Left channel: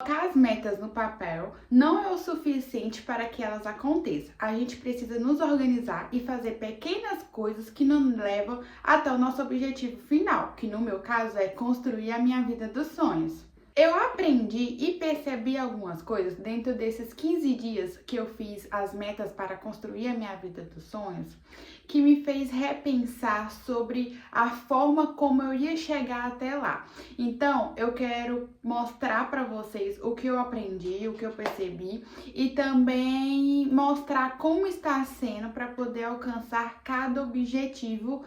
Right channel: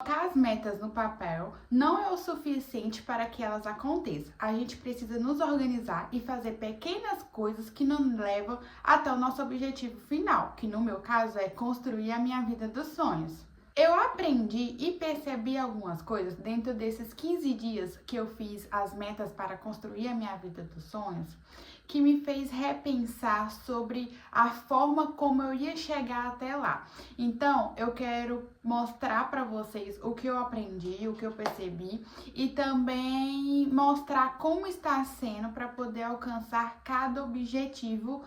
Colocar as metas no papel não é o suficiente para que elas aconteçam. A gente precisa nos organizar e fazer pequenas coisas que nos levam até o nosso objetivo final, que no meu caso é construir a minha vida dos sonhos. Eu aprendi e percebi algumas coisas dentro desses 15 dias que eu fiz as metas para construir a minha vida dos sonhos, que me fez repensar sobre a forma como eu ia chegar até lá. Então, eu quero mostrar para vocês o que eu aprendi, o que eu percebi e também mostrar como está sendo para poder alcançar cada objetivo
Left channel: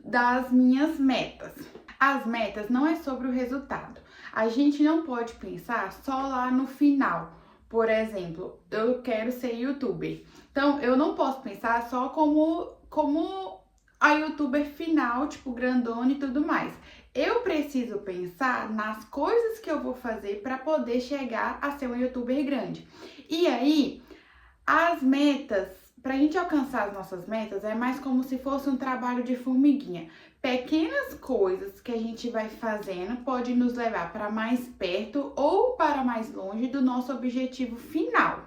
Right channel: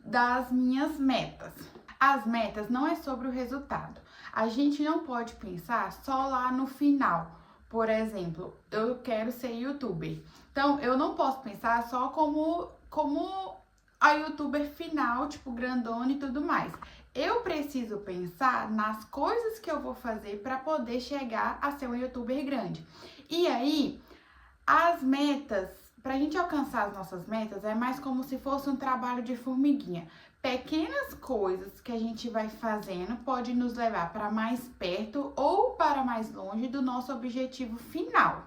das minhas metas. As metas não é sobre o resultado. A gente não pode pensar só lá no final. Por exemplo, eu quero ser youtuber. Então, eu não posso pensar só como a youtuber final, tipo grandona e tudo mais. Eu preciso pensar nas coisas que eu vou fazer para poder chegar a ser um youtuber grande. E aí, as metas, para a gente alcançar as nossas metas, é mais como se fosse um trabalho de formiguinha. Pequenas coisas que a gente vai fazendo pode nos levar para mais perto ou para mais longe do nosso objetivo final.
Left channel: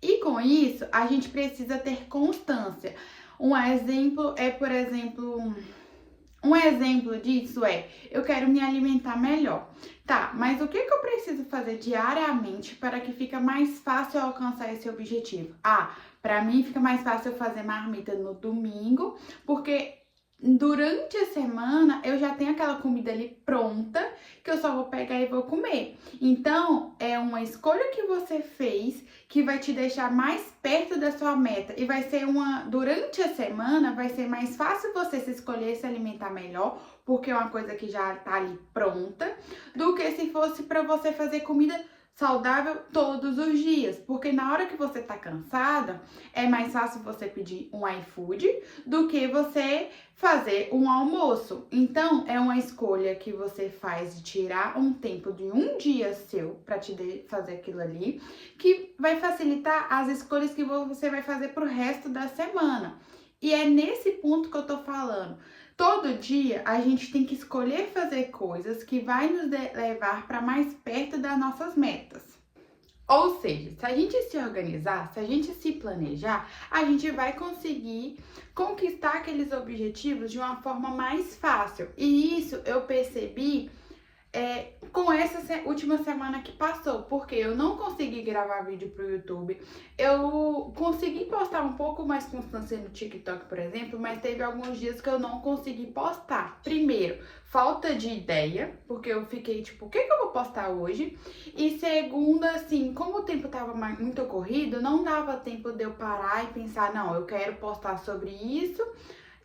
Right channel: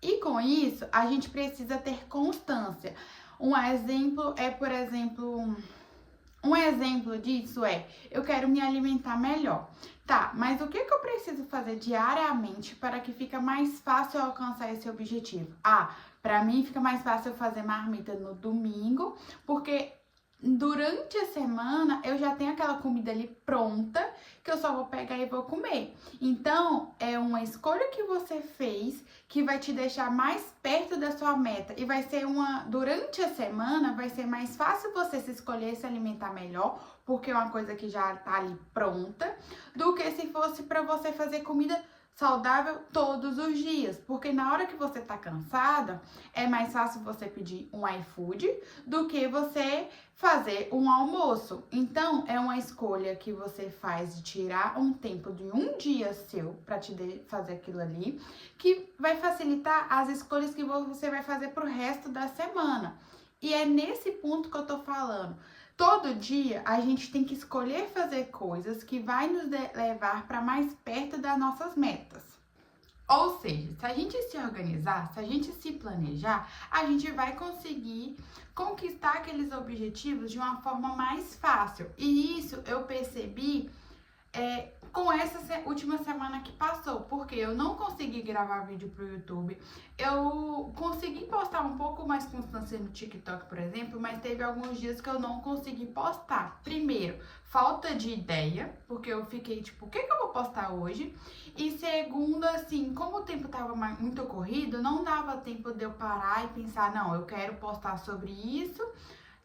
E com isso, a gente precisa ter constância. Um exemplo disso é, eu quero me alimentar melhor. Tá, mas o que eu preciso fazer diariamente para que fique mais fácil eu alcançar esse objetivo? Para mim fica mais fácil eu fazer marmita no domingo, porque durante a semana eu já tenho aquela comida ali pronta que eu só vou pegar e vou comer. Então, é uma escolha que você fez que vai te deixar mais perto da sua meta e vai ser durante a semana vai ser mais fácil você se escolher se alimentar melhor, porque é uma coisa que já tá ali pronta, do que se fosse para você fazer comida saudável todos os dias, porque na hora que você tá cansada, é mais fácil você pedir um iFood do que você fazer um almoço. Então, é uma escolha que você faz de tirar um tempo de um dia seu para fazer aquilo ali, que vai facilitar as escolhas que você vai fazer pro resto da semana. E é nesse ponto que eu tô falando. Todo dia a gente tem que escolher fazer coisas que vai nos levar para mais perto das nossas metas. Ou seja, se a gente se organizar, se a gente se planejar, a gente vai conseguir conquistar aqueles objetivos de uma forma mais fácil. E isso eu percebi com essa última semana que passou, porque eu não consegui gravar vídeo pro YouTube. Eu consegui postar um pouco mais constância no TikTok, por exemplo, mas teve alguns dias que eu não consegui postar. Primeiro, falta de ideia, porque eu fiquei tipo, o que eu vou postar hoje? E segundo, assim, como o tempo tava muito corrido, não dava tempo de eu parar e pensar, não, eu quero postar sobre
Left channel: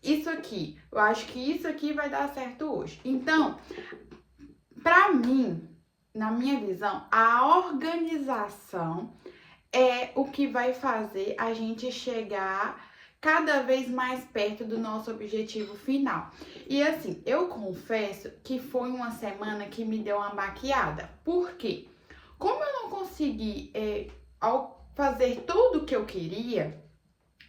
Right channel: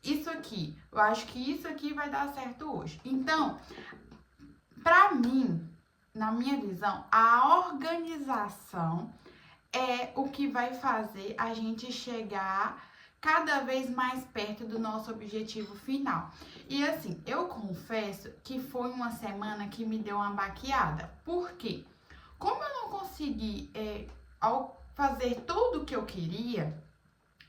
isso aqui. Eu acho que isso aqui vai dar certo hoje. Então, para mim, na minha visão, a organização é o que vai fazer a gente chegar cada vez mais perto do nosso objetivo final. E assim, eu confesso que foi uma semana que me deu uma baqueada. Por quê? Como eu não consegui fazer tudo o que eu queria,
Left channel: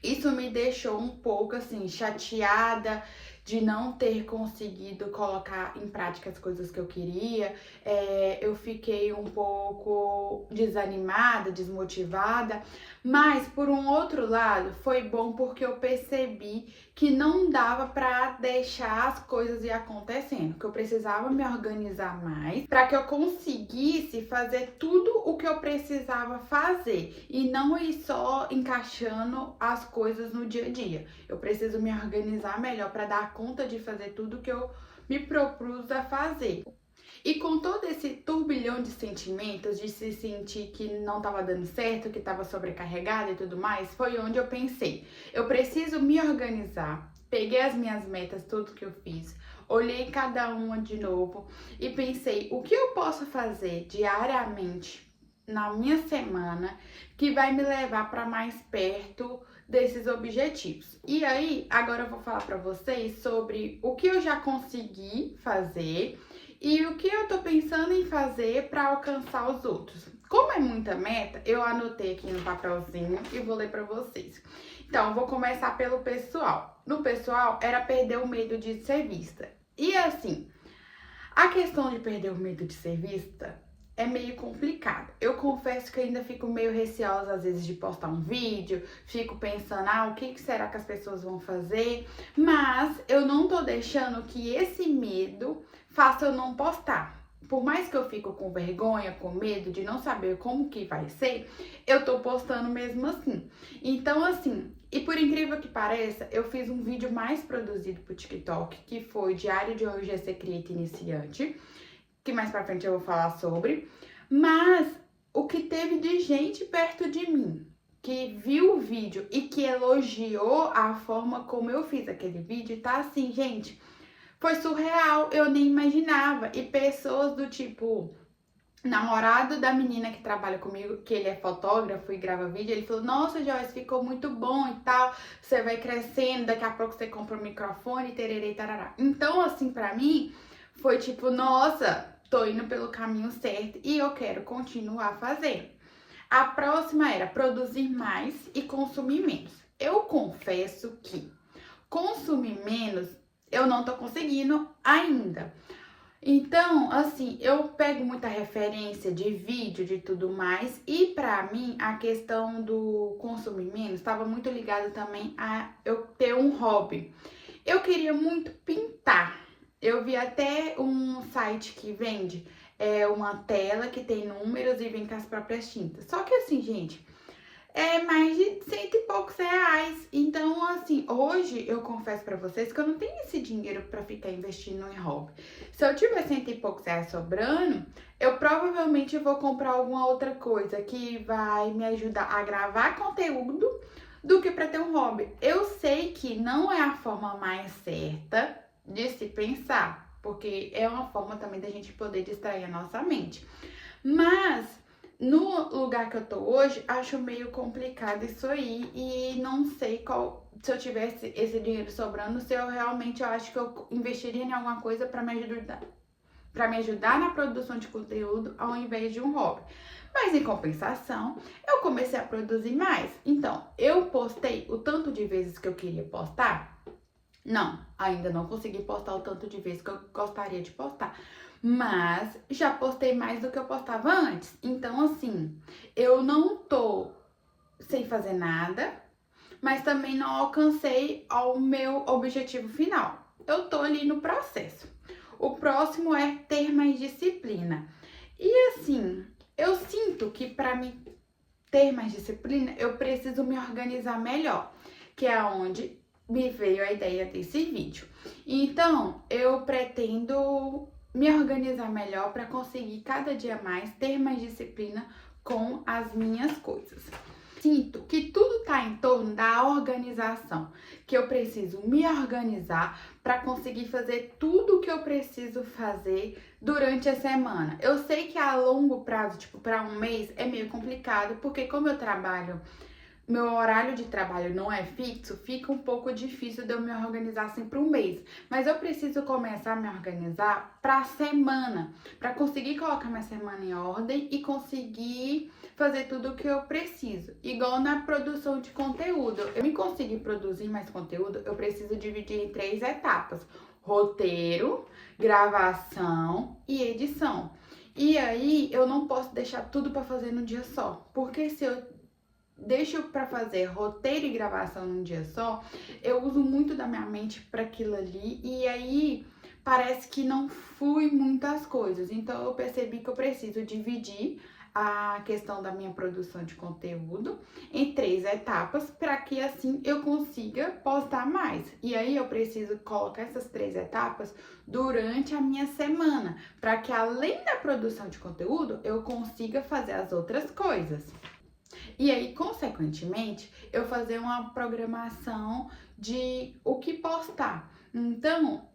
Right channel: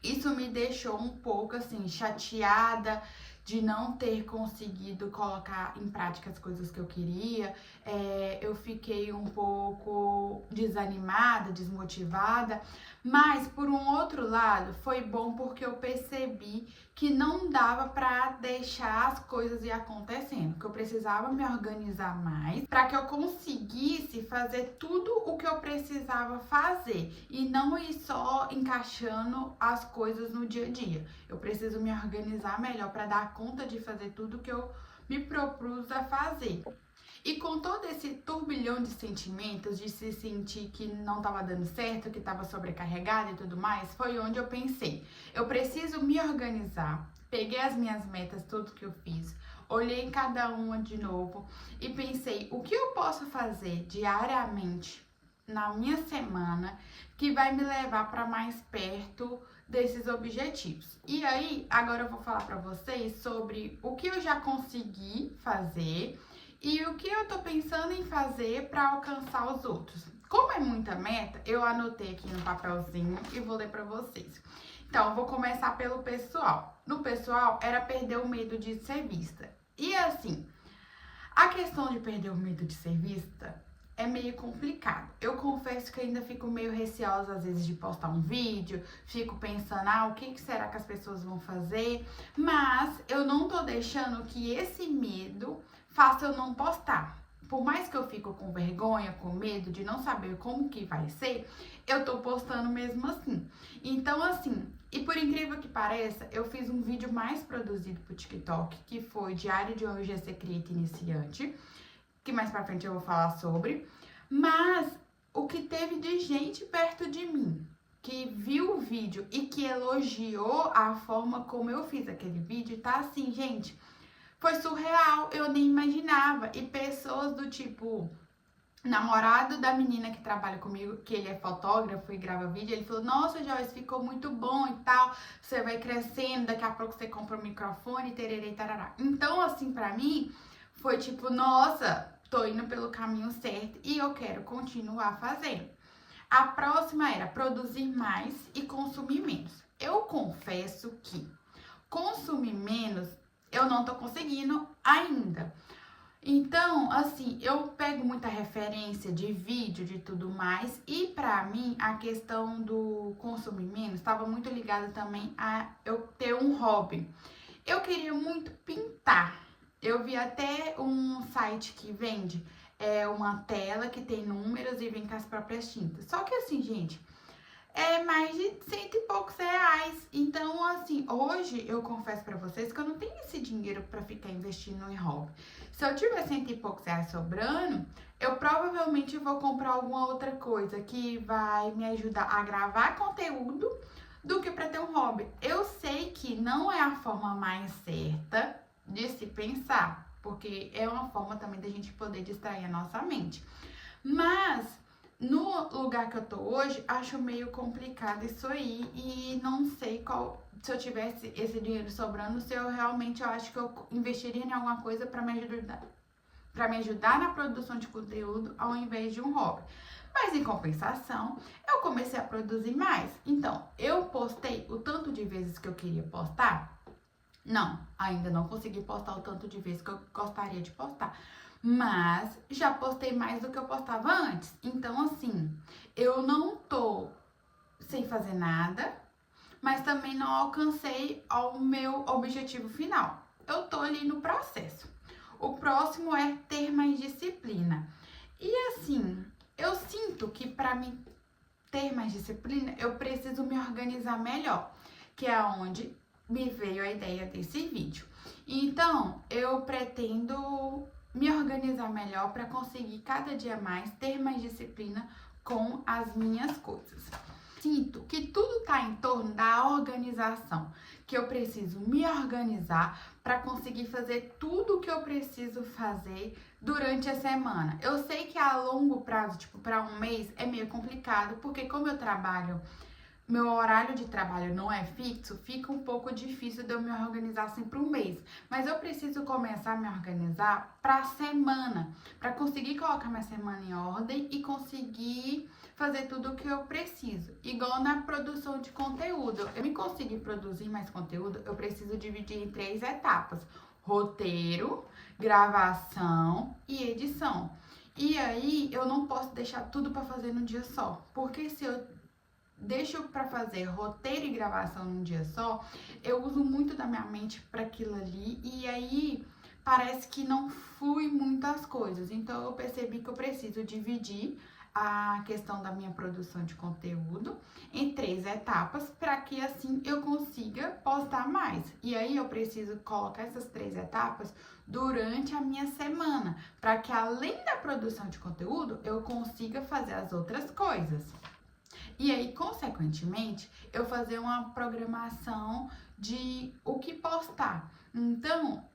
isso me deixou um pouco assim chateada de não ter conseguido colocar em prática as coisas que eu queria. Eu fiquei um pouco desanimada, desmotivada, mas por um outro lado foi bom porque eu percebi que não dava para deixar as coisas ir acontecendo, que eu precisava me organizar mais para que eu conseguisse fazer tudo o que eu precisava fazer e não ir só encaixando as coisas no dia a dia. Eu preciso me organizar melhor para dar conta de fazer tudo que eu me propus a fazer. E com todo esse turbilhão de sentimentos, de se sentir que não estava dando certo, que estava sobrecarregada e tudo mais, foi onde eu pensei, eu preciso me organizar. Peguei as minhas metas, tudo que eu fiz, olhei cada uma de novo e pensei, o que eu posso fazer diariamente na minha semana que vai me levar para mais perto desses objetivos. E aí, agora eu vou falar para vocês sobre o que eu já consegui fazer e o que eu tô pensando em fazer para alcançar os outros. Como é muita meta, eu anotei aqui no papelzinho e vou ler para vocês. Então, eu vou começar pelo pessoal. No pessoal, era perder o medo de ser vista. E assim, a questão de perder o medo de ser vista é meio complicado. Eu confesso que ainda fico meio receosa às vezes de postar um vídeo, fico pensando, o que será que as pessoas vão fazer? Mas eu não tô deixando que esse medo faça eu não postar. Por mais que eu fico com vergonha, com medo de não saber como que vai ser, eu tô postando mesmo assim. Então, assim, e por incrível que pareça, eu fiz um vídeo mais produzido pro TikTok, que foi Diário de um GC Creator Iniciante, que mais pra frente eu vou falar sobre. Mas o que teve de gente perto de mim, que viu o vídeo e que elogiou a forma como eu fiz aquele vídeo, tá assim, gente, foi surreal, eu nem imaginava. E pessoas do tipo, namorado da menina que trabalha comigo, que ele é fotógrafo e grava vídeo, ele falou, nossa, Joyce, ficou muito bom e tal, você vai crescendo, daqui a pouco você compra um microfone, tererê, tarará. Então, assim, pra mim, foi tipo, nossa, tô indo pelo caminho certo e eu quero continuar fazendo. A próxima era produzir mais e consumir menos. Eu confesso que consumir menos eu não tô conseguindo ainda. Então, assim, eu pego muita referência de vídeo, de tudo mais, e pra mim a questão do consumir menos estava muito ligada também a eu ter um hobby. Eu queria muito pintar. Eu vi até um site que vende uma tela que tem números e vem com as próprias tintas. Só que assim, gente, é mais de cento e poucos reais. Então, assim, hoje eu confesso pra vocês que eu não tenho esse dinheiro pra ficar investindo em hobby. Se eu tiver cento e poucos reais sobrando, eu provavelmente vou comprar alguma outra coisa que vai me ajudar a gravar conteúdo do que pra ter um hobby. Eu sei que não é a forma mais certa de se pensar, porque é uma forma também da gente poder distrair a nossa mente. Mas no lugar que eu tô hoje, acho meio complicado isso aí e não sei se eu tivesse esse dinheiro sobrando, se eu realmente, eu acho que eu investiria em alguma coisa para me ajudar na produção de conteúdo ao invés de um hobby. Mas em compensação, eu comecei a produzir mais. Então, eu postei o tanto de vezes que eu queria postar? Não, ainda não consegui postar o tanto de vezes que eu gostaria de postar. Mas já postei mais do que eu postava antes. Então, assim, eu não tô sem fazer nada, mas também não alcancei ao meu objetivo final. Eu tô ali no processo. O próximo é ter mais disciplina. E assim, eu sinto que para mim ter mais disciplina, eu preciso me organizar melhor, que é onde me veio a ideia desse vídeo. Então, eu pretendo me organizar melhor para conseguir cada dia mais ter mais disciplina com as minhas coisas. Sinto que tudo tá em torno da organização, que eu preciso me organizar para conseguir fazer tudo o que eu preciso fazer durante a semana. Eu sei que a longo prazo, tipo para um mês, é meio complicado, porque como eu trabalho, meu horário de trabalho não é fixo, fica um pouco difícil de eu me organizar assim para um mês. Mas eu preciso começar a me organizar para a semana, para conseguir colocar minha semana em ordem e conseguir fazer tudo o que eu preciso. Igual na produção de conteúdo. Eu me conseguir produzir mais conteúdo, eu preciso dividir em 3 etapas: roteiro, gravação e edição. E aí eu não posso deixar tudo para fazer num dia só, porque se eu deixo para fazer roteiro e gravação num dia só, eu uso muito da minha mente para aquilo ali e aí parece que não flui muitas coisas. Então eu percebi que eu preciso dividir a questão da minha produção de conteúdo em 3 etapas para que assim eu consiga postar mais. E aí eu preciso colocar essas 3 etapas durante a minha semana, para que além da produção de conteúdo eu consiga fazer as outras coisas. E aí, consequentemente, eu fazer uma programação de o que postar. Então,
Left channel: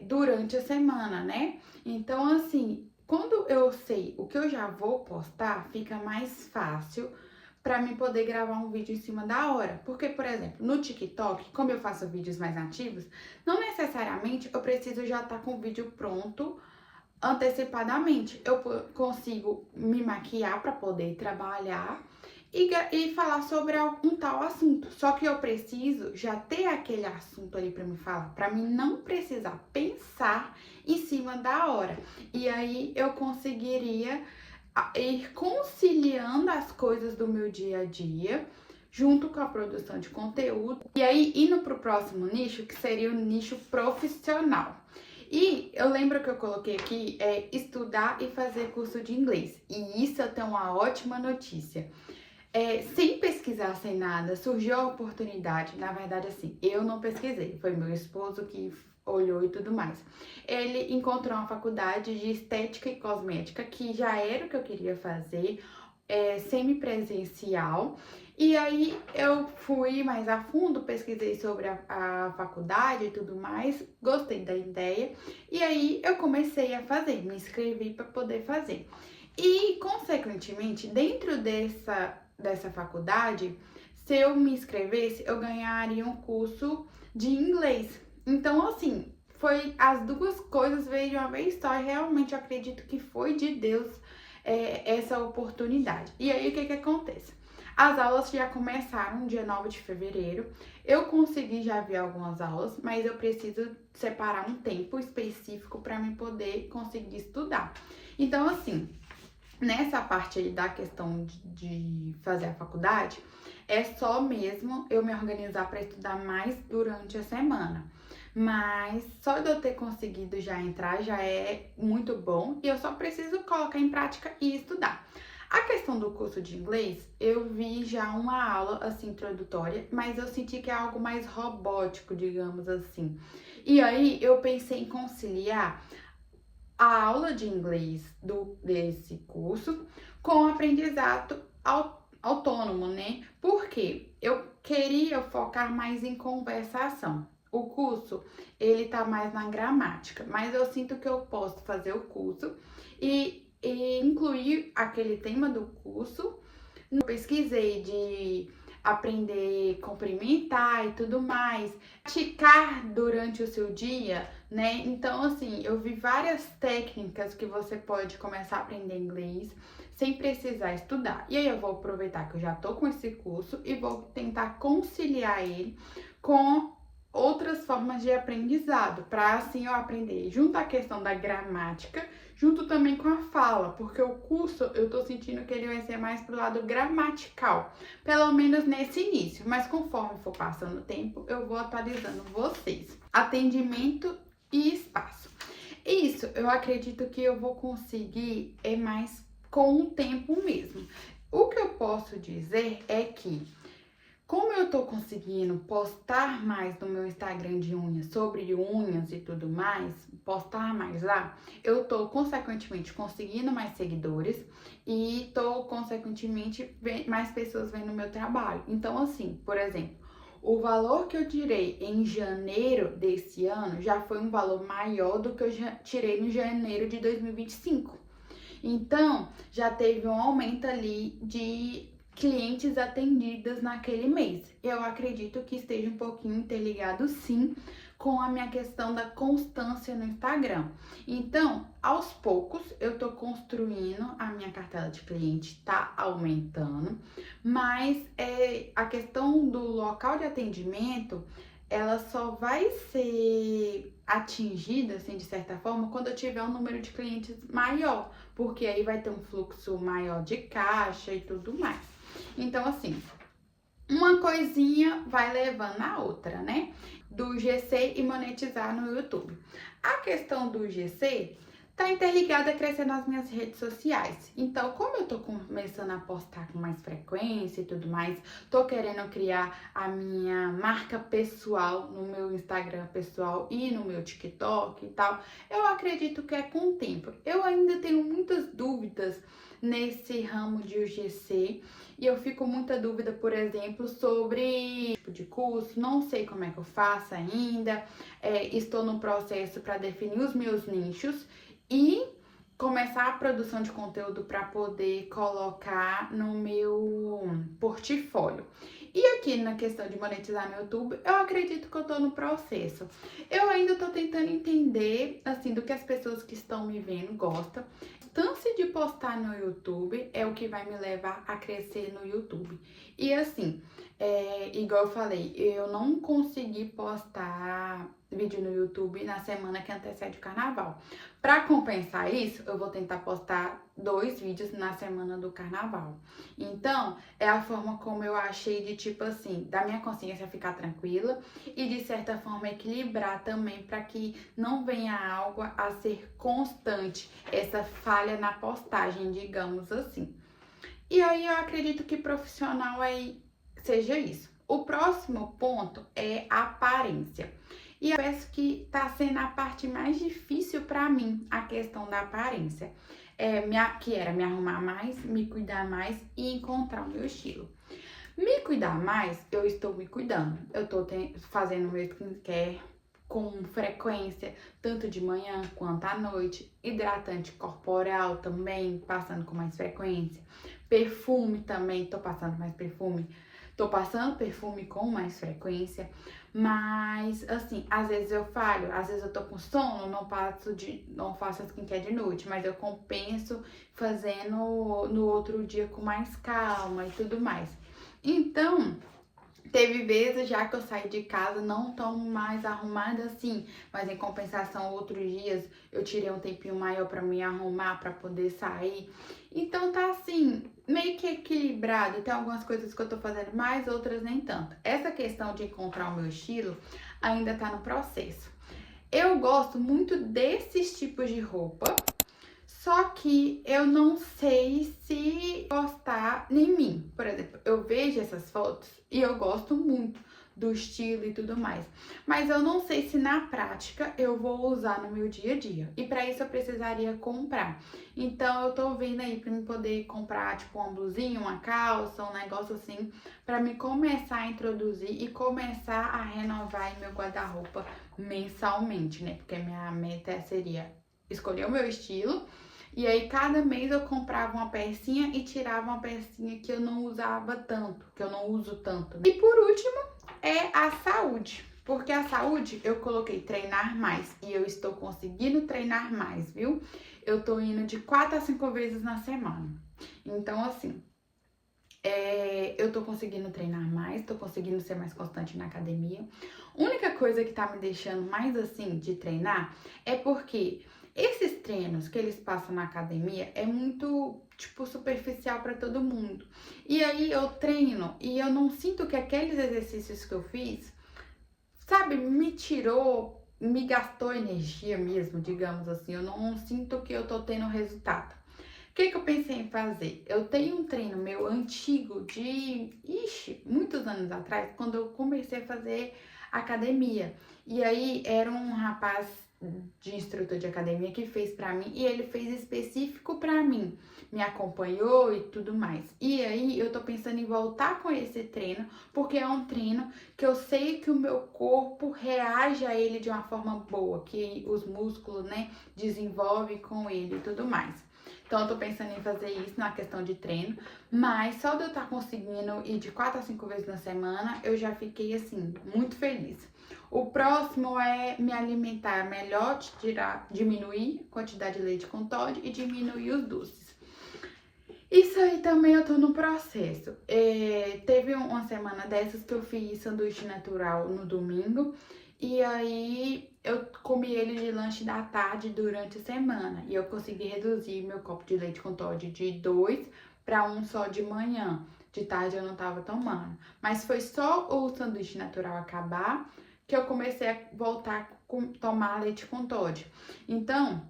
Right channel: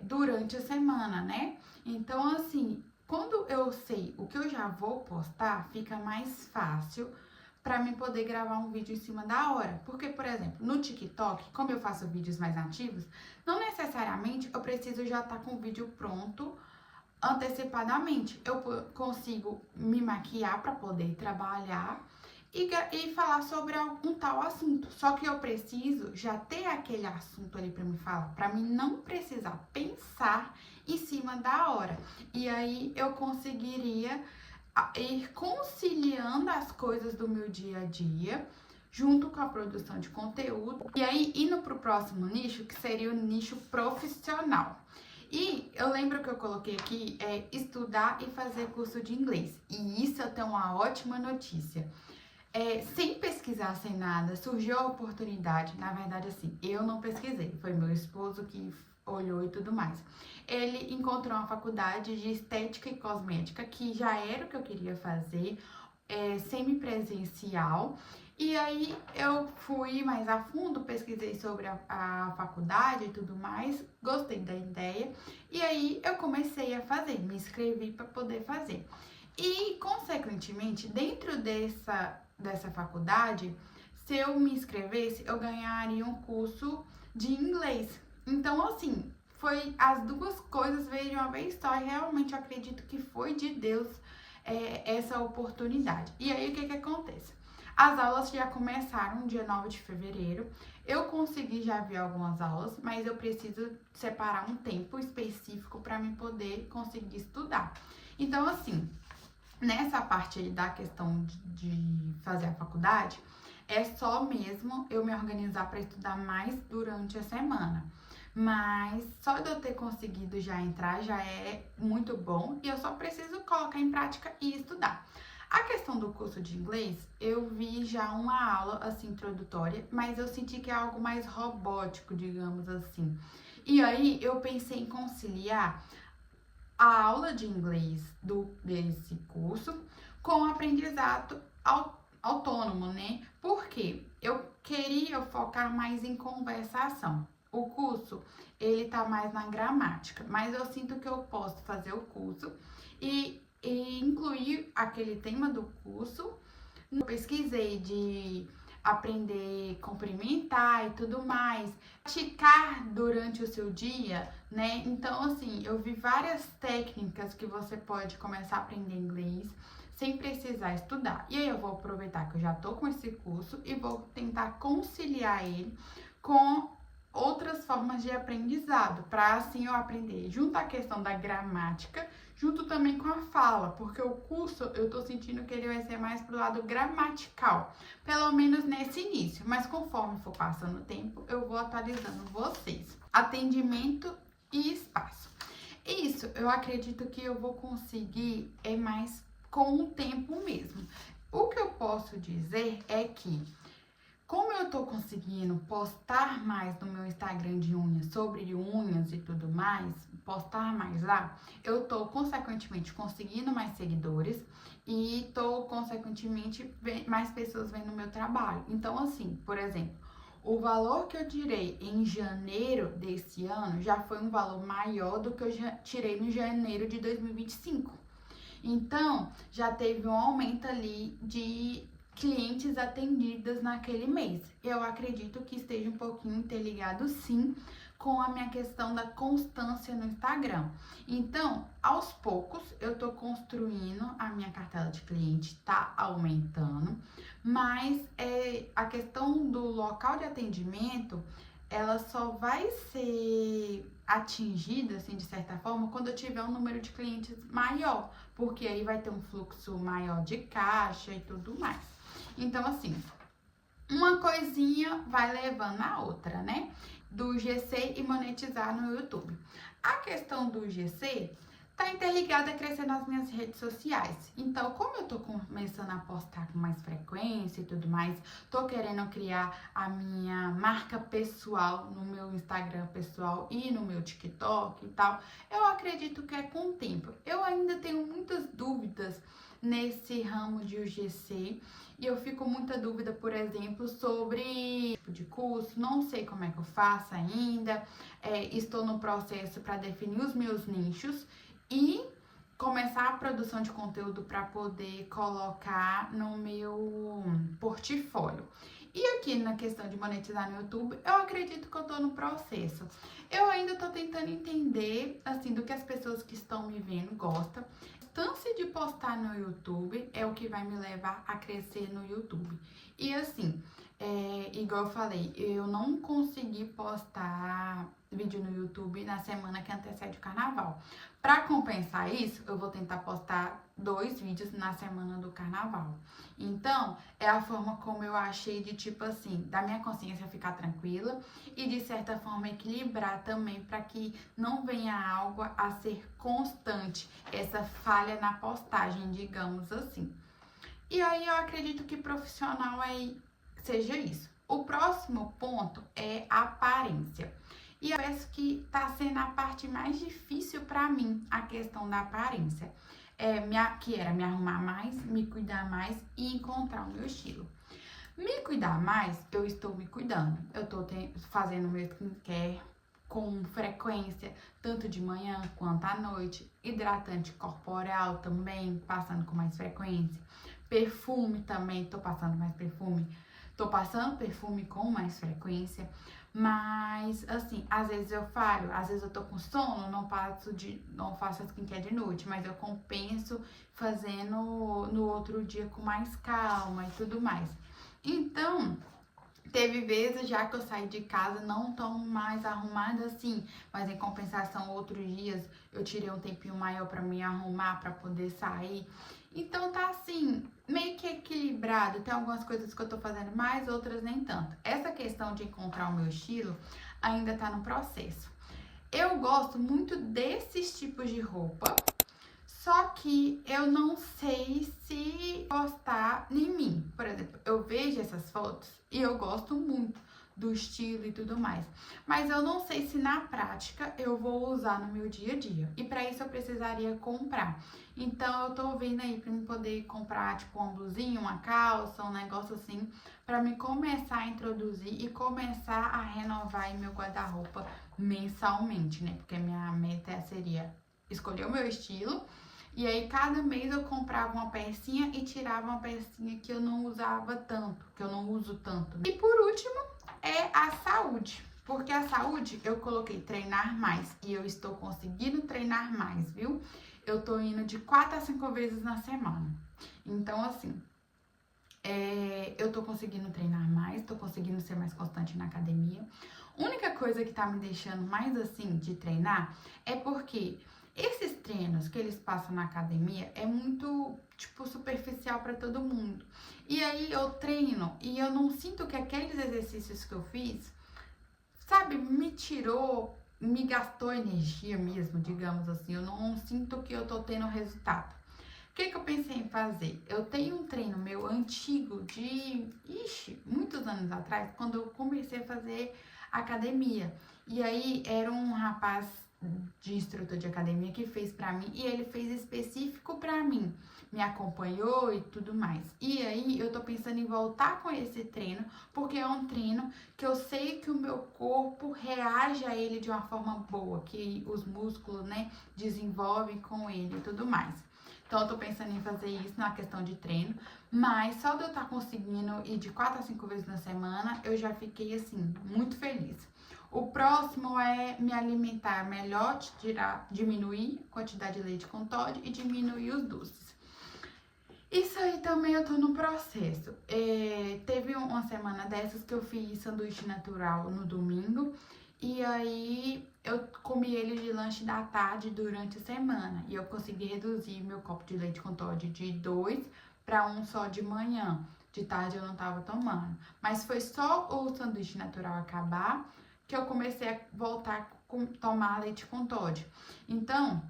durante a semana, né? Então, assim, quando eu sei o que eu já vou postar, fica mais fácil para mim poder gravar um vídeo em cima da hora. Porque, por exemplo, no TikTok, como eu faço vídeos mais ativos, não necessariamente eu preciso já estar com o vídeo pronto antecipadamente. Eu consigo me maquiar para poder trabalhar e falar sobre algum tal assunto. Só que eu preciso já ter aquele assunto ali para me falar, para mim não precisar pensar em cima da hora. E aí eu conseguiria ir conciliando as coisas do meu dia a dia junto com a produção de conteúdo. E aí indo para o próximo nicho, que seria o nicho profissional. E eu lembro que eu coloquei aqui estudar e fazer curso de inglês. E isso eu tenho uma ótima notícia. Sem pesquisar, sem nada, surgiu a oportunidade. Na verdade, assim, eu não pesquisei, foi meu esposo que olhou e tudo mais. Ele encontrou uma faculdade de estética e cosmética, que já era o que eu queria fazer, semipresencial. E aí eu fui mais a fundo, pesquisei sobre a faculdade e tudo mais, gostei da ideia. E aí eu comecei a fazer, me inscrevi para poder fazer. E, consequentemente, dentro dessa faculdade, se eu me inscrevesse, eu ganharia um curso de inglês. Então, assim, foi as duas coisas veio de uma vez só. E realmente eu acredito que foi de Deus essa oportunidade. E aí, o que acontece? As aulas já começaram dia 9 de fevereiro. Eu consegui já ver algumas aulas, mas eu preciso separar um tempo específico para me poder conseguir estudar. Então, assim, nessa parte aí da questão de fazer a faculdade, é só mesmo eu me organizar para estudar mais durante a semana. Mas só de eu ter conseguido já entrar já é muito bom e eu só preciso colocar em prática e estudar. A questão do curso de inglês, eu vi já uma aula assim introdutória, mas eu senti que é algo mais robótico, digamos assim. E aí eu pensei em conciliar a aula de inglês desse curso com o aprendizado autônomo, né? Porque eu queria focar mais em conversação. O curso, ele tá mais na gramática, mas eu sinto que eu posso fazer o curso e incluir aquele tema do curso. Eu pesquisei de aprender a cumprimentar e tudo mais, praticar durante o seu dia, né? Então, assim, eu vi várias técnicas que você pode começar a aprender inglês sem precisar estudar. E aí eu vou aproveitar que eu já tô com esse curso e vou tentar conciliar ele com outras formas de aprendizado, para assim eu aprender junto à questão da gramática, junto também com a fala, porque o curso eu tô sentindo que ele vai ser mais pro lado gramatical, pelo menos nesse início, mas conforme for passando o tempo, eu vou atualizando vocês. Atendimento e espaço. Isso, eu acredito que eu vou conseguir mais com o tempo mesmo. O que eu posso dizer é que como eu tô conseguindo postar mais no meu Instagram de unhas, sobre unhas e tudo mais, postar mais lá, eu tô consequentemente conseguindo mais seguidores e tô consequentemente mais pessoas vendo o meu trabalho. Então, assim, por exemplo, o valor que eu tirei em janeiro desse ano já foi um valor maior do que eu já tirei no janeiro de 2025. Então, já teve um aumento ali de clientes atendidas naquele mês. Eu acredito que esteja um pouquinho interligado, sim, com a minha questão da constância no Instagram. Então, aos poucos, eu tô construindo a minha cartela de cliente, tá aumentando, mas a questão do local de atendimento, ela só vai ser atingida, assim, de certa forma, quando eu tiver um número de clientes maior, porque aí vai ter um fluxo maior de caixa e tudo mais. Então, assim, uma coisinha vai levando a outra, né? Do GC e monetizar no YouTube. A questão do GC tá interligada a crescer nas minhas redes sociais. Então, como eu tô começando a postar com mais frequência e tudo mais, tô querendo criar a minha marca pessoal no meu Instagram pessoal e no meu TikTok e tal, eu acredito que é com o tempo. Eu ainda tenho muitas dúvidas nesse ramo de UGC e eu fico muita dúvida, por exemplo, sobre tipo de curso, não sei como é que eu faço ainda, estou no processo para definir os meus nichos e começar a produção de conteúdo para poder colocar no meu portfólio. E aqui na questão de monetizar no YouTube, eu acredito que eu tô no processo. Eu ainda tô tentando entender, assim, do que as pessoas que estão me vendo gostam. A distância de postar no YouTube é o que vai me levar a crescer no YouTube. E assim, igual eu falei, eu não consegui postar vídeo no YouTube na semana que antecede o carnaval. Para compensar isso, eu vou tentar postar 2 vídeos na semana do carnaval. Então, é a forma como eu achei de, tipo assim, da minha consciência ficar tranquila e de certa forma equilibrar também para que não venha algo a ser constante, essa falha na postagem, digamos assim. E aí eu acredito que profissional seja isso. O próximo ponto é a aparência. E eu penso que tá sendo a parte mais difícil para mim, a questão da aparência. Que era me arrumar mais, me cuidar mais e encontrar o meu estilo. Me cuidar mais, eu estou me cuidando. Eu tô fazendo meu skincare com frequência, tanto de manhã quanto à noite. Hidratante corporal também, passando com mais frequência. Perfume também, tô passando mais perfume. Tô passando perfume com mais frequência. Mas, assim, às vezes eu falho, às vezes eu tô com sono, não faço skincare de noite, mas eu compenso fazendo no outro dia com mais calma e tudo mais. Então, teve vezes já que eu saí de casa não tão mais arrumada assim, mas em compensação, outros dias eu tirei um tempinho maior pra me arrumar, pra poder sair. Então tá assim, meio que equilibrado. Tem algumas coisas que eu tô fazendo mais, outras nem tanto. Essa questão de encontrar o meu estilo ainda tá no processo. Eu gosto muito desses tipos de roupa, só que eu não sei se gostar em mim. Por exemplo, eu vejo essas fotos e eu gosto muito do estilo e tudo mais. Mas eu não sei se na prática eu vou usar no meu dia a dia. E para isso eu precisaria comprar. Então eu tô vendo aí para me poder comprar tipo uma blusinha, uma calça, um negócio assim, para me começar a introduzir e começar a renovar aí meu guarda-roupa mensalmente, né? Porque minha meta seria escolher o meu estilo. E aí, cada mês eu comprava uma pecinha e tirava uma pecinha que eu não usava tanto, que eu não uso tanto. E por último, é a saúde. Porque a saúde, eu coloquei treinar mais e eu estou conseguindo treinar mais, viu? Eu tô indo de 4 a 5 vezes na semana. Então, assim, eu tô conseguindo treinar mais, tô conseguindo ser mais constante na academia. Única coisa que tá me deixando mais assim de treinar é porque esses treinos que eles passam na academia é muito, tipo, superficial para todo mundo. E aí eu treino e eu não sinto que aqueles exercícios que eu fiz, sabe, me gastou energia mesmo, digamos assim. Eu não sinto que eu tô tendo resultado. O que eu pensei em fazer? Eu tenho um treino meu antigo muitos anos atrás, quando eu comecei a fazer academia. E aí era um rapaz de instrutor de academia que fez pra mim e ele fez específico pra mim, me acompanhou e tudo mais. E aí eu tô pensando em voltar com esse treino, porque é um treino que eu sei que o meu corpo reage a ele de uma forma boa, que os músculos, né, desenvolvem com ele e tudo mais. Então, eu tô pensando em fazer isso na questão de treino, mas só de eu estar conseguindo ir de 4 a 5 vezes na semana, eu já fiquei, assim, muito feliz. O próximo é me alimentar melhor, diminuir a quantidade de leite com Toddy e diminuir os doces. Isso aí também eu tô no processo. Teve uma semana dessas que eu fiz sanduíche natural no domingo. E aí eu comi ele de lanche da tarde durante a semana. E eu consegui reduzir meu copo de leite com Toddy de 2 para 1 só de manhã. De tarde eu não tava tomando. Mas foi só o sanduíche natural acabar que eu comecei a voltar a tomar leite com Toddy. Então,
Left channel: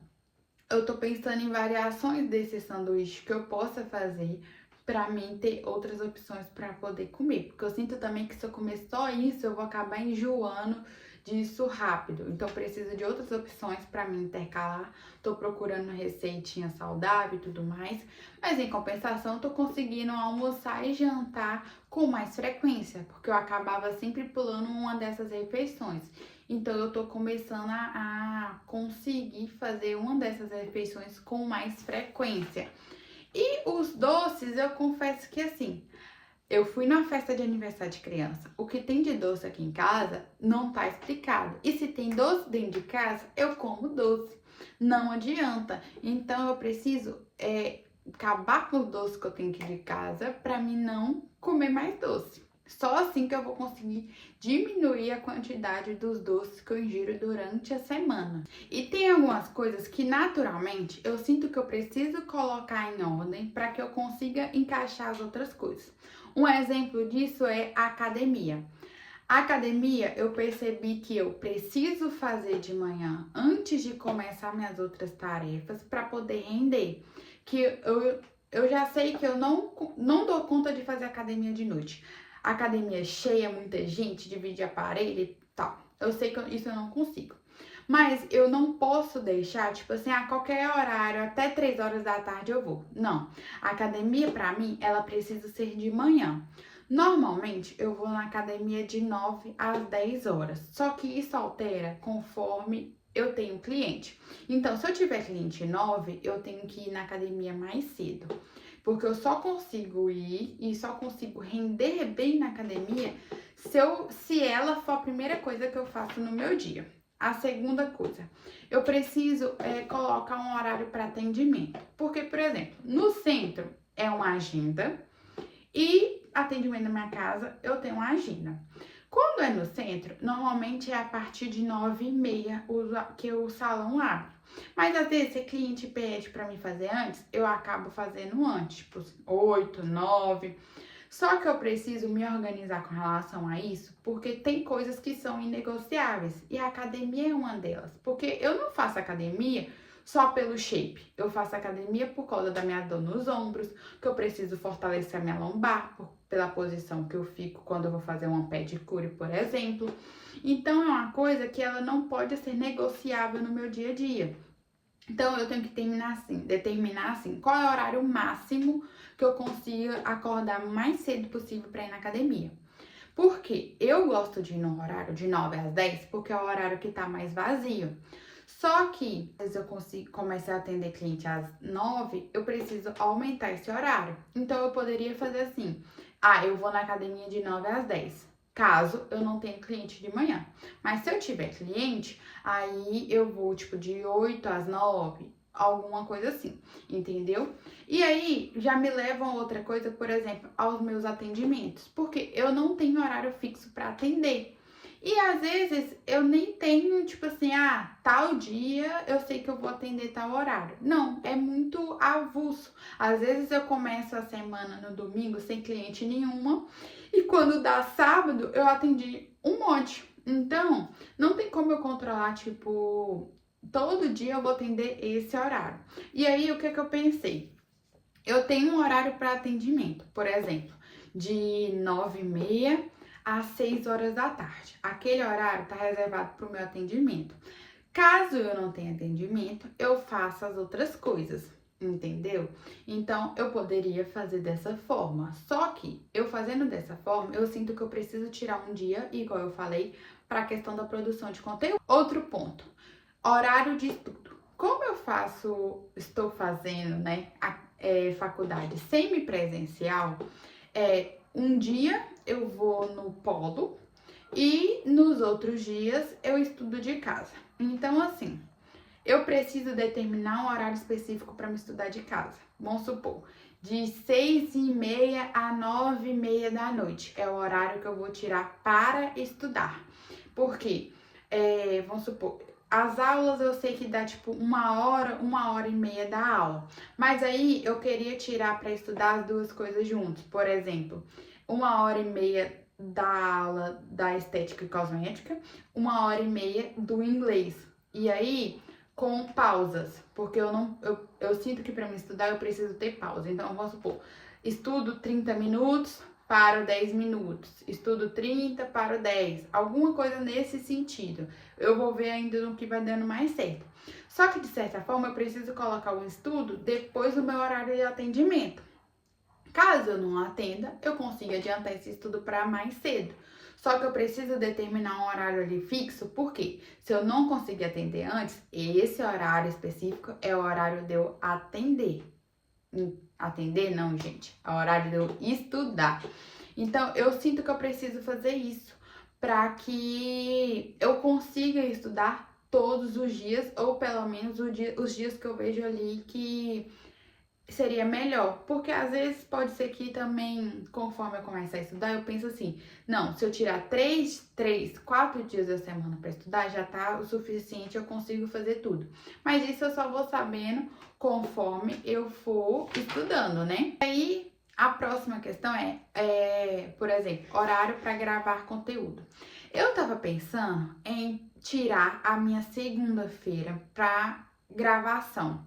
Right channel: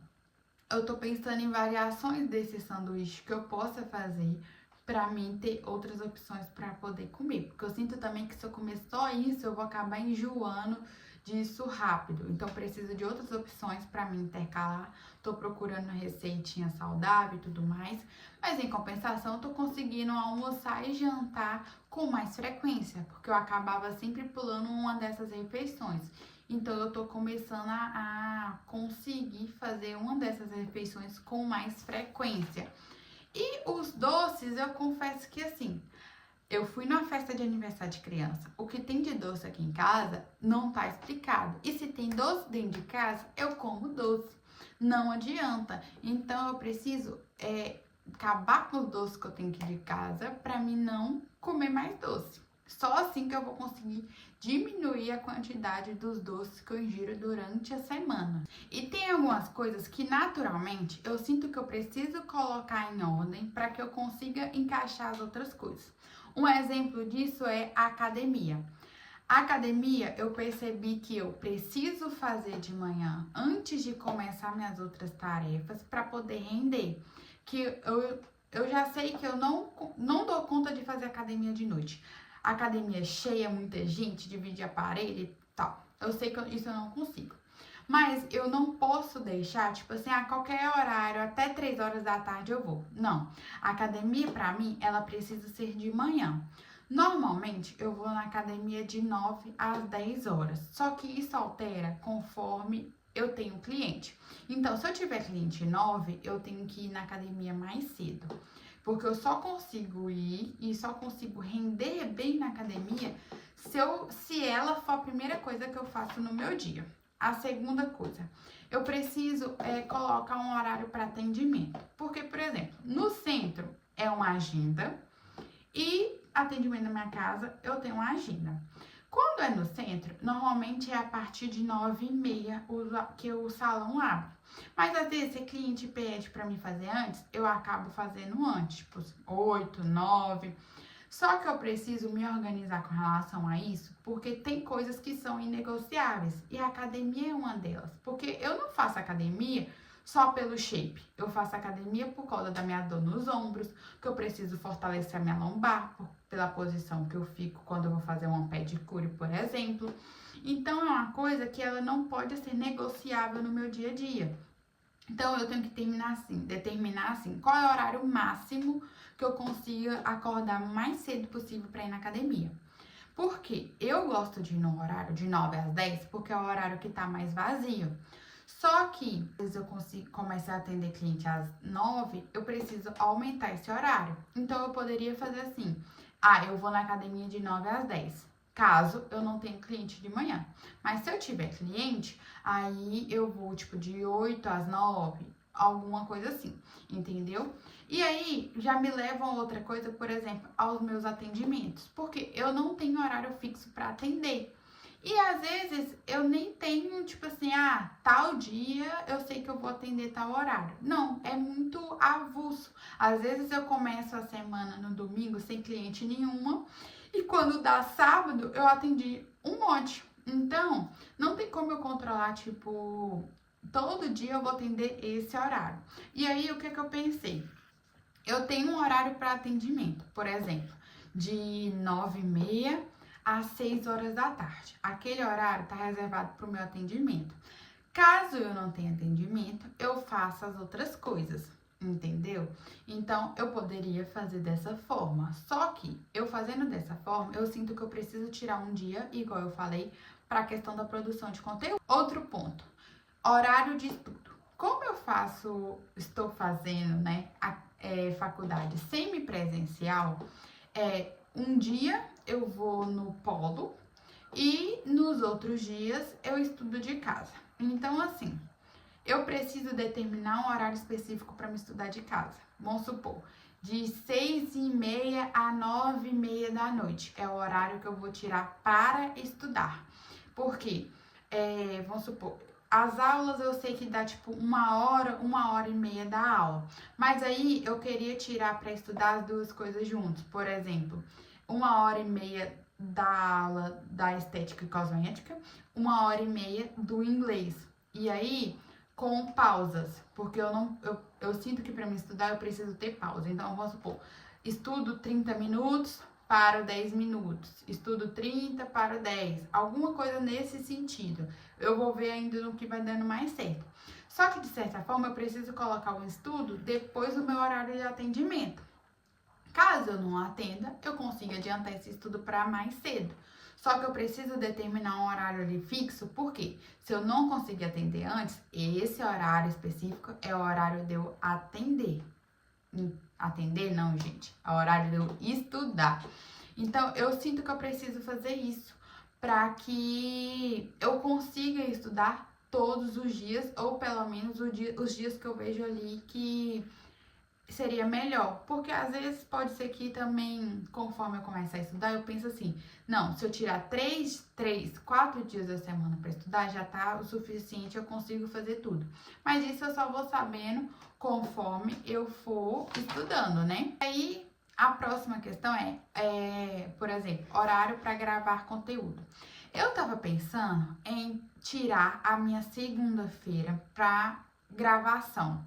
eu tô pensando em variações desse sanduíche que eu possa fazer pra mim ter outras opções pra poder comer. Porque eu sinto também que se eu comer só isso, eu vou acabar enjoando disso rápido. Então, preciso de outras opções pra mim intercalar. Tô procurando uma receitinha saudável e tudo mais. Mas, em compensação, tô conseguindo almoçar e jantar com mais frequência. Porque eu acabava sempre pulando uma dessas refeições. Então, eu tô começando a conseguir fazer uma dessas refeições com mais frequência. E os doces, eu confesso que assim, eu fui numa festa de aniversário de criança. O que tem de doce aqui em casa não tá explicado. E se tem doce dentro de casa, eu como doce. Não adianta. Então eu preciso acabar com os doces que eu tenho aqui de casa para mim não comer mais doce. Só assim que eu vou conseguir diminuir a quantidade dos doces que eu ingiro durante a semana. E tem algumas coisas que naturalmente eu sinto que eu preciso colocar em ordem para que eu consiga encaixar as outras coisas. Um exemplo disso é a academia. A academia eu percebi que eu preciso fazer de manhã antes de começar minhas outras tarefas para poder render. Que eu já sei que eu não dou conta de fazer academia de noite. Academia cheia, muita gente, dividir aparelho e tal. Eu sei que isso eu não consigo. Mas eu não posso deixar, tipo assim, a qualquer horário, até 3 horas da tarde eu vou. Não. A academia, pra mim, ela precisa ser de manhã. Normalmente, eu vou na academia de 9 às 10 horas. Só que isso altera conforme eu tenho cliente. Então, se eu tiver cliente 9, eu tenho que ir na academia mais cedo. Porque eu só consigo ir e só consigo render bem na academia se ela for a primeira coisa que eu faço no meu dia. A segunda coisa, eu preciso colocar um horário para atendimento. Porque, por exemplo, no centro é uma agenda e atendimento na minha casa eu tenho uma agenda. Quando é no centro, normalmente é a partir de 9h30 que o salão abre. Mas às vezes, se o cliente pede para mim fazer antes, eu acabo fazendo antes, tipo 8, 9. Só que eu preciso me organizar com relação a isso, porque tem coisas que são inegociáveis. E a academia é uma delas. Porque eu não faço academia só pelo shape. Eu faço academia por causa da minha dor nos ombros, que eu preciso fortalecer a minha lombar, pela posição que eu fico quando eu vou fazer uma pedicure, por exemplo. Então, é uma coisa que ela não pode ser negociável no meu dia a dia. Então, eu tenho que determinar assim, qual é o horário máximo que eu consiga acordar o mais cedo possível para ir na academia. Porque eu gosto de ir no horário de 9 às 10, porque é o horário que tá mais vazio. Só que, às vezes eu consigo começar a atender cliente às 9, eu preciso aumentar esse horário. Então, eu poderia fazer assim, eu vou na academia de 9 às 10, caso eu não tenha cliente de manhã. Mas se eu tiver cliente, aí eu vou, tipo, de 8 às 9, alguma coisa assim, entendeu? E aí, já me leva a outra coisa, por exemplo, aos meus atendimentos, porque eu não tenho horário fixo para atender. E às vezes eu nem tenho, tipo assim, tal dia eu sei que eu vou atender tal horário. Não, é muito avulso. Às vezes eu começo a semana no domingo sem cliente nenhuma e quando dá sábado eu atendi um monte. Então, não tem como eu controlar, tipo, todo dia eu vou atender esse horário. E aí, o que eu pensei? Eu tenho um horário para atendimento, por exemplo, de 9h30 às 6 horas da tarde. Aquele horário está reservado para o meu atendimento. Caso eu não tenha atendimento, eu faço as outras coisas, entendeu? Então, eu poderia fazer dessa forma. Só que, eu fazendo dessa forma, eu sinto que eu preciso tirar um dia, igual eu falei, para a questão da produção de conteúdo. Outro ponto, horário de estudo. Como eu estou fazendo, né, faculdade semipresencial, um dia eu vou no polo e nos outros dias eu estudo de casa. Então, assim, eu preciso determinar um horário específico para me estudar de casa. Vamos supor, de 6h30 a 9h30 da noite é o horário que eu vou tirar para estudar. Porque, vamos supor, as aulas eu sei que dá tipo 1h30 da aula. Mas aí eu queria tirar para estudar as duas coisas juntos. Por exemplo, 1h30 da aula da estética e cosmética, 1h30 do inglês. E aí, com pausas, porque eu sinto que para me estudar eu preciso ter pausa. Então, vamos supor, estudo 30 minutos, paro 10 minutos, estudo 30, paro 10, alguma coisa nesse sentido. Eu vou ver ainda no que vai dando mais certo. Só que, de certa forma, eu preciso colocar o estudo depois do meu horário de atendimento. Caso eu não atenda, eu consigo adiantar esse estudo para mais cedo. Só que eu preciso determinar um horário ali fixo, porque se eu não conseguir atender antes, esse horário específico é o horário de eu atender. Atender não, gente, é o horário de eu estudar. Então, eu sinto que eu preciso fazer isso para que eu consiga estudar todos os dias, ou pelo menos os dias que eu vejo ali que seria melhor, porque às vezes pode ser que também, conforme eu começar a estudar, eu penso assim, não, se eu tirar 4 dias da semana para estudar, já tá o suficiente, eu consigo fazer tudo. Mas isso eu só vou sabendo conforme eu for estudando, né? Aí, a próxima questão por exemplo, horário para gravar conteúdo. Eu tava pensando em tirar a minha segunda-feira para gravação.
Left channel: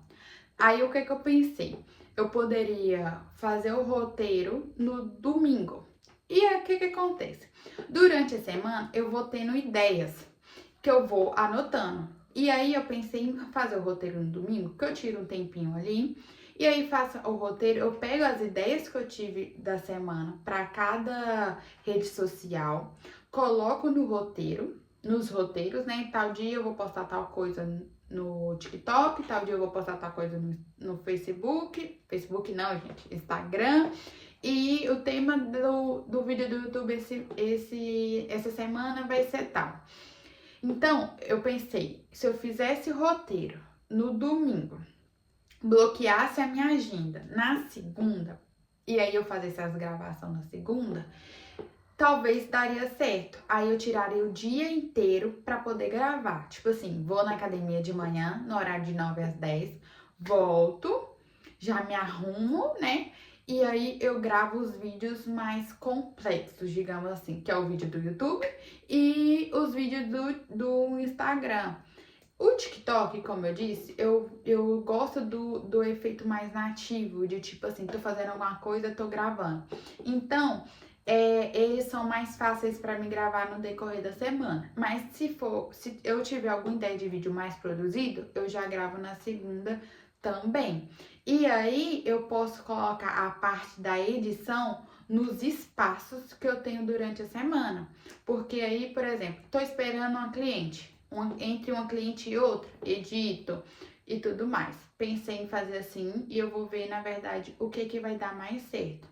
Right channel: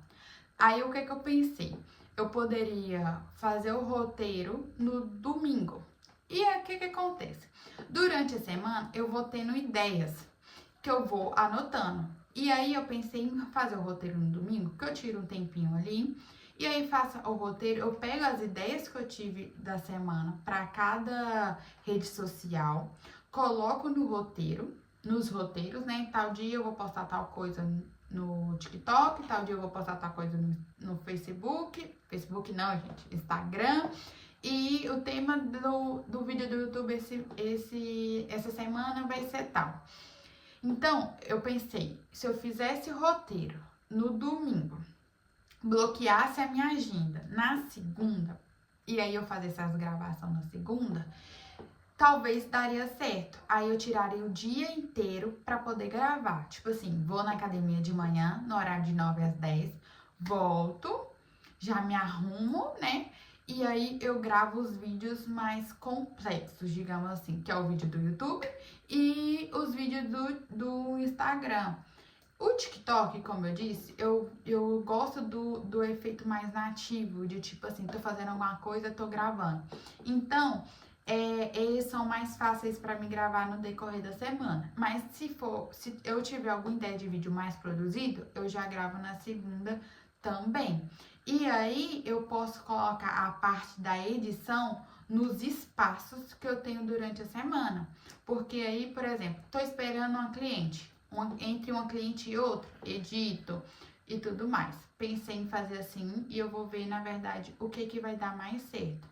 Aí o que eu pensei? Eu poderia fazer o roteiro no domingo. E aí o que acontece? Durante a semana eu vou tendo ideias que eu vou anotando. E aí eu pensei em fazer o roteiro no domingo, que eu tiro um tempinho ali. E aí faço o roteiro, eu pego as ideias que eu tive da semana para cada rede social, coloco no roteiro, nos roteiros, né? Tal dia eu vou postar tal coisa no TikTok, tal dia eu vou postar tal coisa no Facebook. Facebook não, gente, Instagram. E o tema do vídeo do YouTube essa semana vai ser tal. Então, eu pensei, se eu fizesse roteiro no domingo, bloqueasse a minha agenda na segunda, e aí eu fazesse as gravações na segunda, talvez daria certo. Aí eu tiraria o dia inteiro pra poder gravar. Tipo assim, vou na academia de manhã, no horário de 9 às 10, volto, já me arrumo, né? E aí eu gravo os vídeos mais complexos, digamos assim, que é o vídeo do YouTube e os vídeos do Instagram. O TikTok, como eu disse, eu gosto do efeito mais nativo, de tipo assim, tô fazendo alguma coisa, tô gravando. Então, eles são mais fáceis para mim gravar no decorrer da semana. Mas se eu tiver alguma ideia de vídeo mais produzido, eu já gravo na segunda também. E aí eu posso colocar a parte da edição nos espaços que eu tenho durante a semana. Porque aí, por exemplo, tô esperando uma cliente. Entre uma cliente e outra, edito e tudo mais. Pensei em fazer assim e eu vou ver, na verdade, o que vai dar mais certo.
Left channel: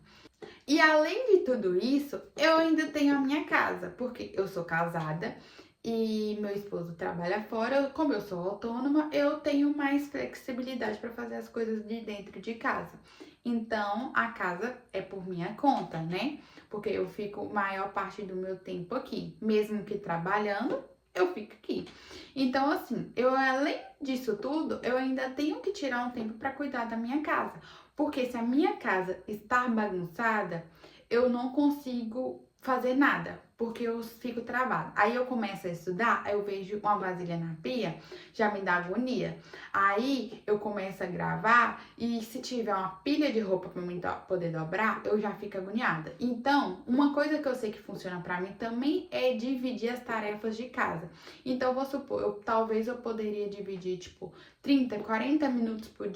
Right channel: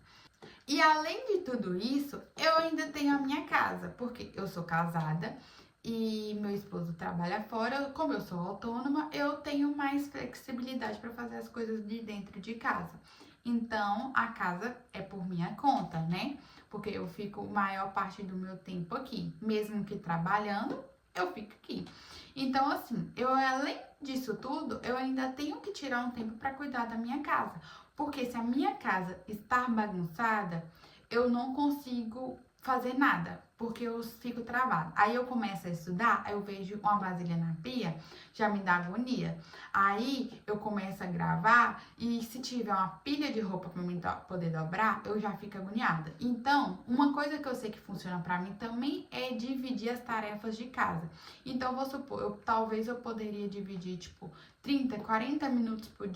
E além de tudo isso, eu ainda tenho a minha casa, porque eu sou casada e meu esposo trabalha fora. Como eu sou autônoma, eu tenho mais flexibilidade para fazer as coisas de dentro de casa. Então, a casa é por minha conta, né? Porque eu fico maior parte do meu tempo aqui, mesmo que trabalhando, eu fico aqui. Então, assim, eu além disso tudo, eu ainda tenho que tirar um tempo para cuidar da minha casa. Porque se a minha casa está bagunçada, eu não consigo fazer nada, porque eu fico travada. Aí eu começo a estudar, eu vejo uma vasilha na pia, já me dá agonia. Aí eu começo a gravar e se tiver uma pilha de roupa para mim poder dobrar, eu já fico agoniada. Então, uma coisa que eu sei que funciona para mim também é dividir as tarefas de casa. Então, vou supor, talvez eu poderia dividir, tipo, 30, 40 minutos por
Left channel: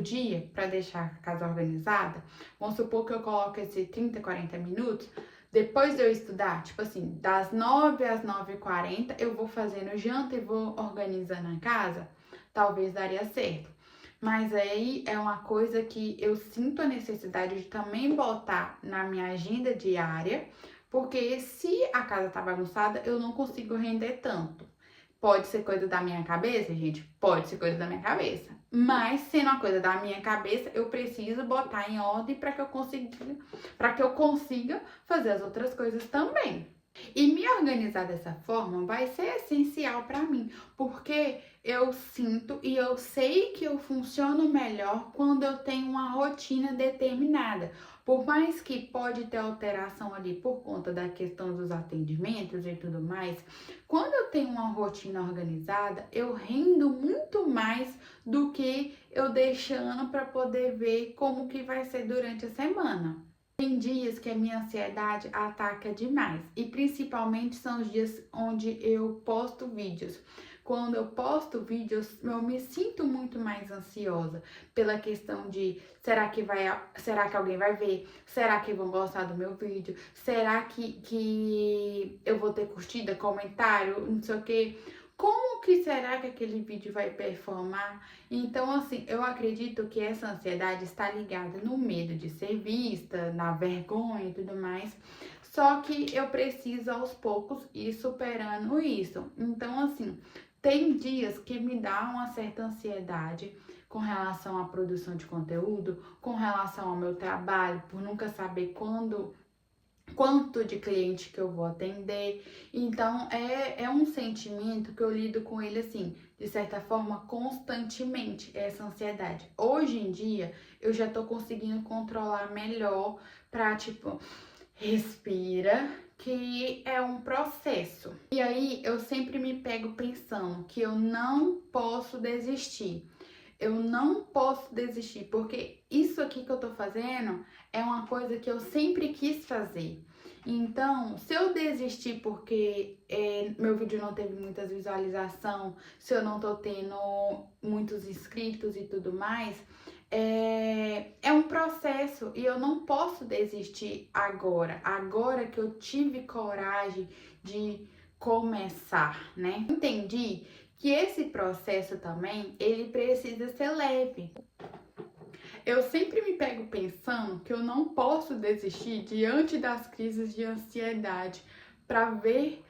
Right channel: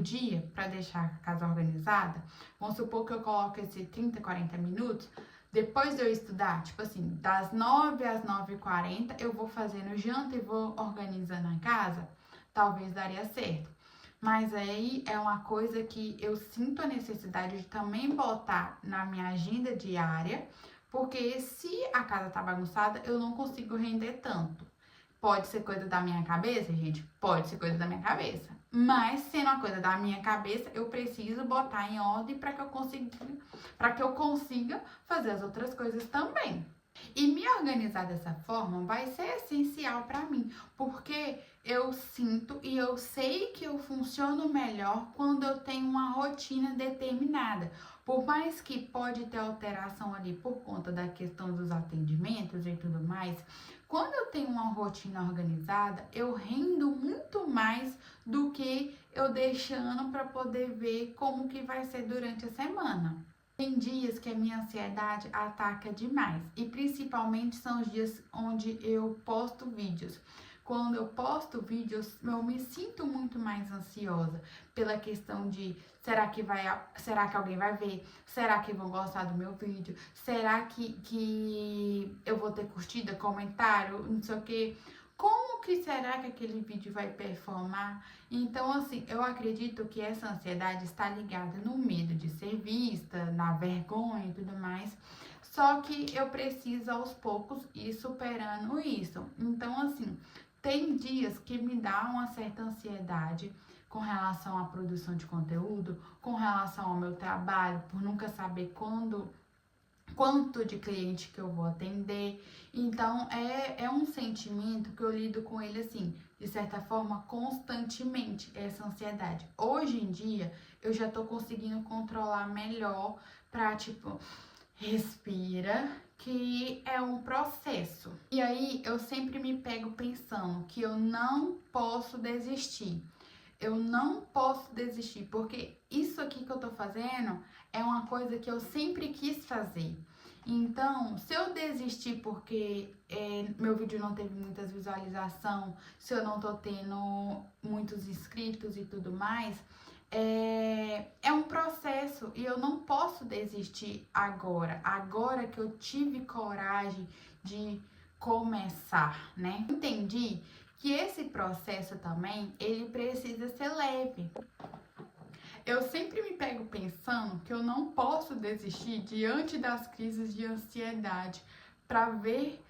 dia para deixar a casa organizada. Vamos supor que eu coloque esse 30, 40 minutos depois de eu estudar, tipo assim, das 9 às 9h40, eu vou fazendo janta e vou organizando a casa, talvez daria certo. Mas aí é uma coisa que eu sinto a necessidade de também botar na minha agenda diária, porque se a casa tá bagunçada, eu não consigo render tanto. Pode ser coisa da minha cabeça, gente? Pode ser coisa da minha cabeça. Mas, sendo uma coisa da minha cabeça, eu preciso botar em ordem para que eu consiga fazer as outras coisas também. E me organizar dessa forma vai ser essencial para mim, porque eu sinto e eu sei que eu funciono melhor quando eu tenho uma rotina determinada. Por mais que pode ter alteração ali por conta da questão dos atendimentos e tudo mais, quando eu tenho uma rotina organizada, eu rendo muito mais do que eu deixando para poder ver como que vai ser durante a semana. Tem dias que a minha ansiedade ataca demais e principalmente são os dias onde eu posto vídeos. Quando eu posto vídeos, eu me sinto muito mais ansiosa pela questão de será que alguém vai ver? Será que vão gostar do meu vídeo? Será que eu vou ter curtida, comentário, não sei o quê? como que será que aquele vídeo vai performar? Então, assim, eu acredito que essa ansiedade está ligada no medo de ser vista, na vergonha e tudo mais. Só que eu preciso aos poucos ir superando isso. Então, assim, tem dias que me dá uma certa ansiedade com relação à produção de conteúdo, com relação ao meu trabalho, por nunca saber quanto de cliente que eu vou atender. Então, é um sentimento que eu lido com ele, assim, de certa forma, constantemente, essa ansiedade. Hoje em dia, eu já tô conseguindo controlar melhor pra, tipo, respira, que é um processo. E aí, eu sempre me pego pensando que eu não posso desistir. Eu não posso desistir, porque isso aqui que eu tô fazendo é uma coisa que eu sempre quis fazer. Então, se eu desistir porque meu vídeo não teve muitas visualizações, se eu não tô tendo muitos inscritos e tudo mais, é um processo e eu não posso desistir agora. Agora que eu tive coragem de começar, né? Entendi que esse processo também, ele precisa ser leve. Eu sempre me pego pensando que eu não posso desistir diante das crises de ansiedade para ver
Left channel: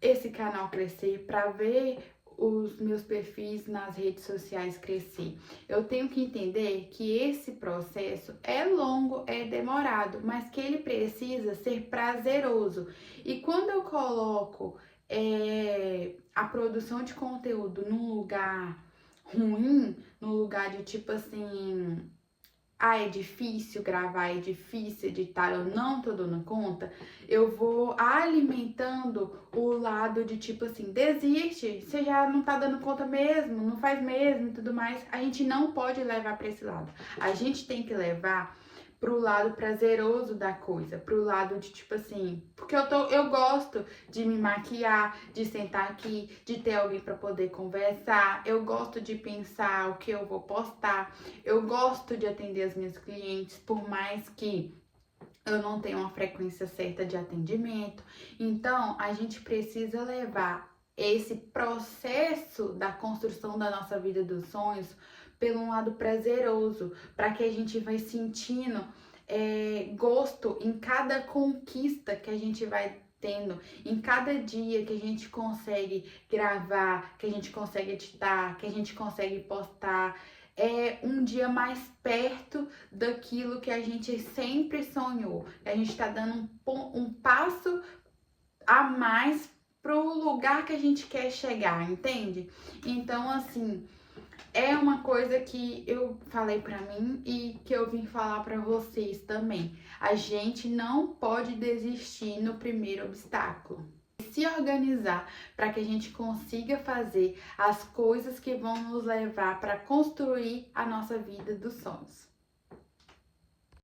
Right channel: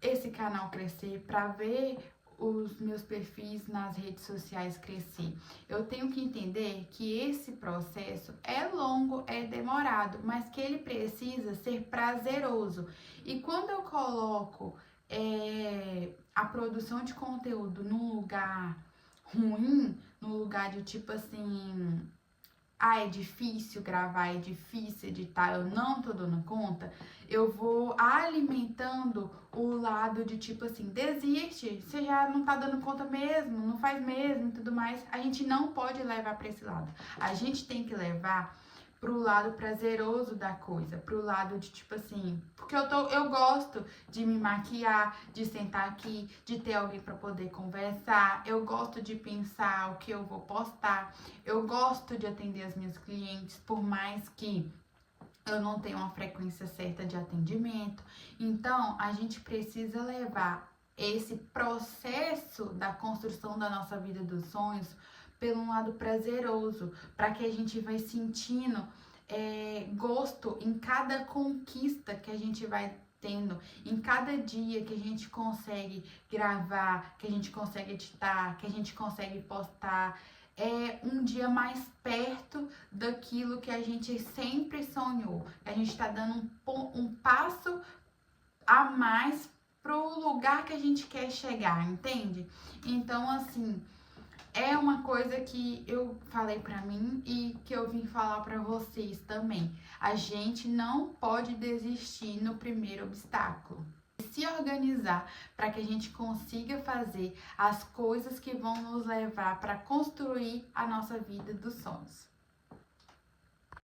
esse canal crescer, para ver os meus perfis nas redes sociais crescer. Eu tenho que entender que esse processo é longo, é demorado, mas que ele precisa ser prazeroso. E quando eu coloco a produção de conteúdo num lugar ruim, num lugar de tipo assim, é difícil gravar, é difícil editar, eu não tô dando conta, eu vou alimentando o lado de tipo assim, desiste, você já não tá dando conta mesmo, não faz mesmo e tudo mais. A gente não pode levar pra esse lado. A gente tem que levar pro lado prazeroso da coisa, pro lado de tipo assim, porque eu gosto de me maquiar, de sentar aqui, de ter alguém para poder conversar, eu gosto de pensar o que eu vou postar, eu gosto de atender as minhas clientes, por mais que eu não tenha uma frequência certa de atendimento. Então, a gente precisa levar esse processo da construção da nossa vida dos sonhos pelo lado prazeroso, para que a gente vai sentindo gosto em cada conquista que a gente vai tendo, em cada dia que a gente consegue gravar, que a gente consegue editar, que a gente consegue postar. É um dia mais perto daquilo que a gente sempre sonhou. A gente está dando um passo a mais pro lugar que a gente quer chegar, entende? Então, assim, é uma coisa que eu falei pra mim e que eu vim falar pra vocês também. A gente não pode desistir no primeiro obstáculo. Se organizar para que a gente consiga fazer as coisas que vão nos levar para construir a nossa vida dos sonhos.